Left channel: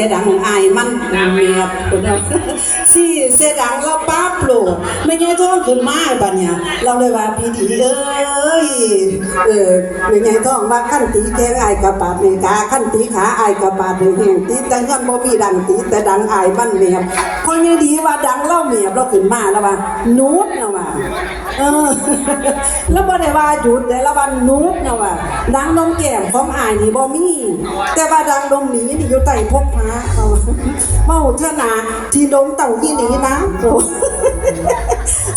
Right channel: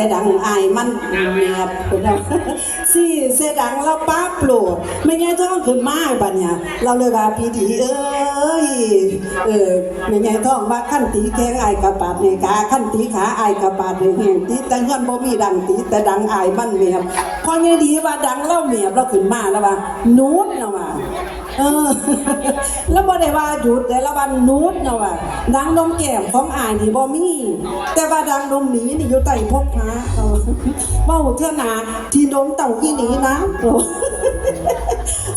แต่ดังอายมันเมียบคนน่ะสี่เสดังแล้วปั๊บโหลดไม่ไงท้องขึ้นมาบัดเนี่ยเราเลยว่าพี่ดีเอ้ยเออไม่ไงท้องว่าขั้นตีแข้งอายกระปาดในขาขั้นตีขาอายกระปาดในแห่งตีแต่เงินบ่มีดังตีแต่ดังอายมันเมียบพอไงดีว่าดังเล่าเมียบเราขึ้นมาแล้วว่านูดนะว่า เออแล้วบ่ได้ว่าหยุดแต่ละวันนูดนะว่าดังนมแก้มของอายนี่บ่มีแต่ว่าดังนมหนีนี่อยู่ใต้พกพาเอาเมาเท่านาที่ดมเต่าอีหนีนะ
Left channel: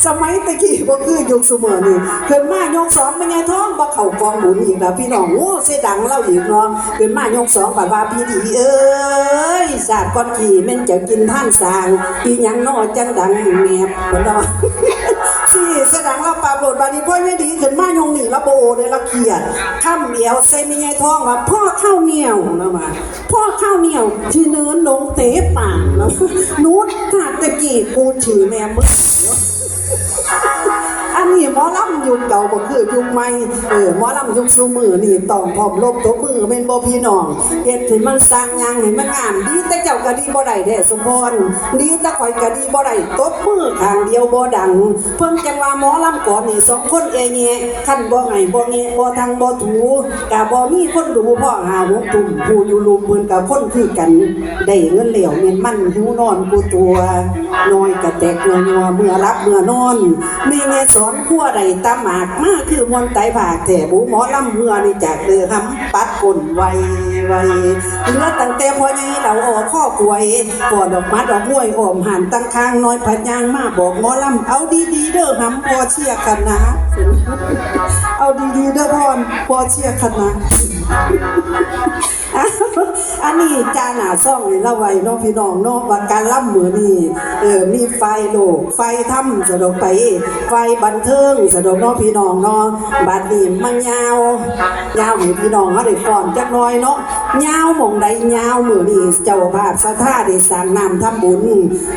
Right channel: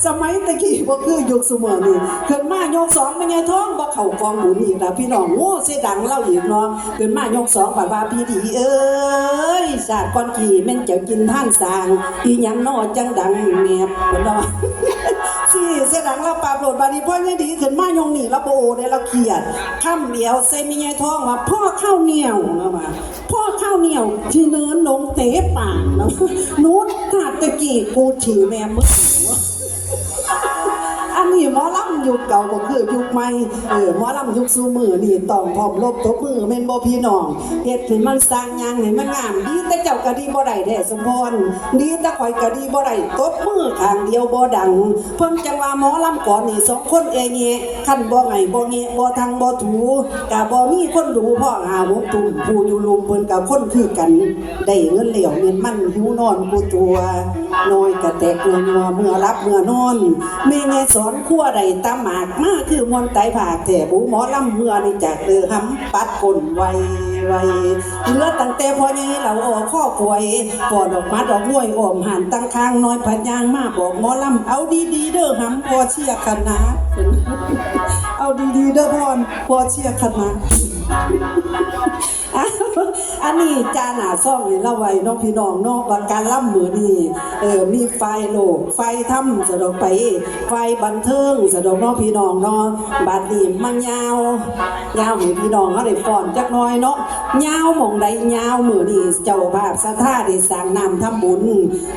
สมัยตะกี้บ่คือยุคสมัยนี่เกิดมายกสองเป็นไงท้องบ่เข้ากองบุญอีกแล้วพี่น้องโง่เสยดังเล่าอีกเนาะเกิดมายกสองบัดว่าพี่ดีเอ้ยสาดก้อนขี้แม่นจะกินท่านสางอีหยังน้อจังดังแมบเนว่า สี่เสดังเราปราบโหลดบาดนี้พ่อไม่ดีขึ้นมายงหนีละโบเดละเขียดข้ามเดียวใส่มีไงท้องว่าพ่อข้าวเหนียวนะมาพ่อข้าวเหนียวที่เนินลงเตะป่ากนะนูดตาตะกี้กูถือแม่มึงอันนี้หมอลำ ยุคเก่าก็คือยุคใหม่เออหมอลำยุคสูมือนี่ต้องพร้อมลบทบมือเป็นบ่พี่น้องเฮ็ดให้มันสร้างยังให้มันงามดีแต่เจ้าก็ดีบ่ได้เด้สมพรดีแต่ข่อยก็ดีบ่ได้ตบมือข้างเดียวบ่ดัง เพิ่นจังว่าหมอลำก่อนนี่สองคนเอแงคันบ่ให้บ่แงบ่ทางบ่ถูก็บ่มีคนดูพ่อหาหกตุ่มผู้อยู่ลุมเพิ่นก็คนคือกันได้เงินเหลวแม่นมันหิวนอนกูตัวน้อยกะแตกนัวเมื่อรับเมื่อนอนแม่แง่สอนขั้วใดตาหมากมาคือมนไตผากแต่บูหมอลำเมื่อนี่จากเดือหำปัดกลนไวไวเหลือตั้งแต่พอยังเราออกข้อป่วยปอดออกมัดออกมวยออมหันตั้งคางน้อยพัดยางมาบอกหมอลำเอาดีๆเด้อหำพอเชียคณะเอาดีๆเด้อพรพอเชียคณะ อันนี้จาหนาซ่องนี่ละไว้น้องพี่น้องเนาะว่าการล่ำมือนี่เออมีไฟโลก ไฟถ้ำสะดอกไป ไฟบันเทิงสะดอกเนาะพี่น้องเนาะบัดนี้มันยาวยาวให้พี่น้องเขาได้ฟ้อนจักน่อยเนาะยาวหม่องใดยาวมือนี่เจ้าภาพสถาได้สร้างน้ำทำบุญ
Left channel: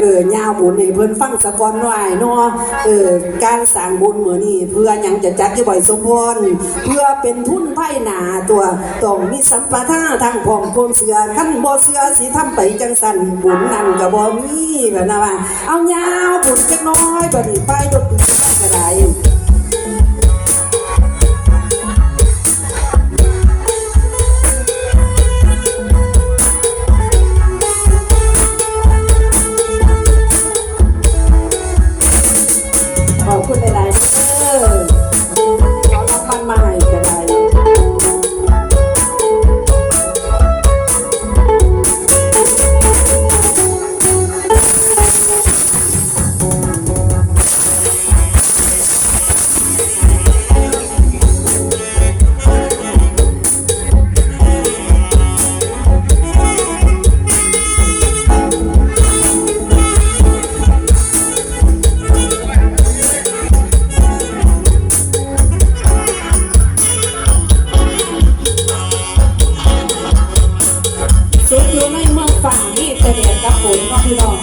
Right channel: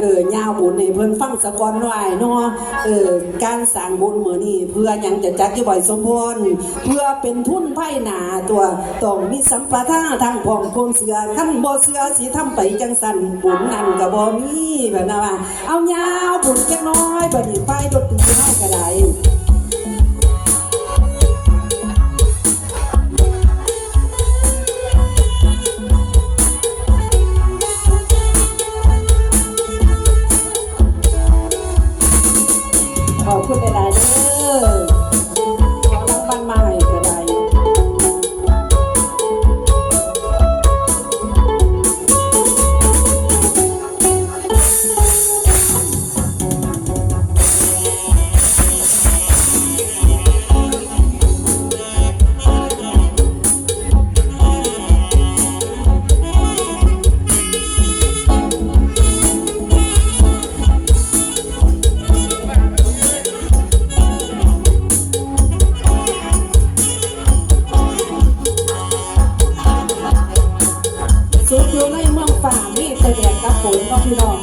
เออยาวบุญให้เพิ่นฟังสะกอนน่อยเนาะเออการสร้างบุญมือนี่เพื่อยังจะจัดอยู่บ่อยสมพรเพื่อเป็นทุนไพ่หนาตัวต้องมีสัมปทานทางพร้อมคนเสือขั้นบ่เสือสิทำไปจังสันบุญนั่นก็บ่มีแบบนั้นว่าเอายาวบุญจักหน้อยบัดนี้ไปดนตรีมาก็ได้ fucking on.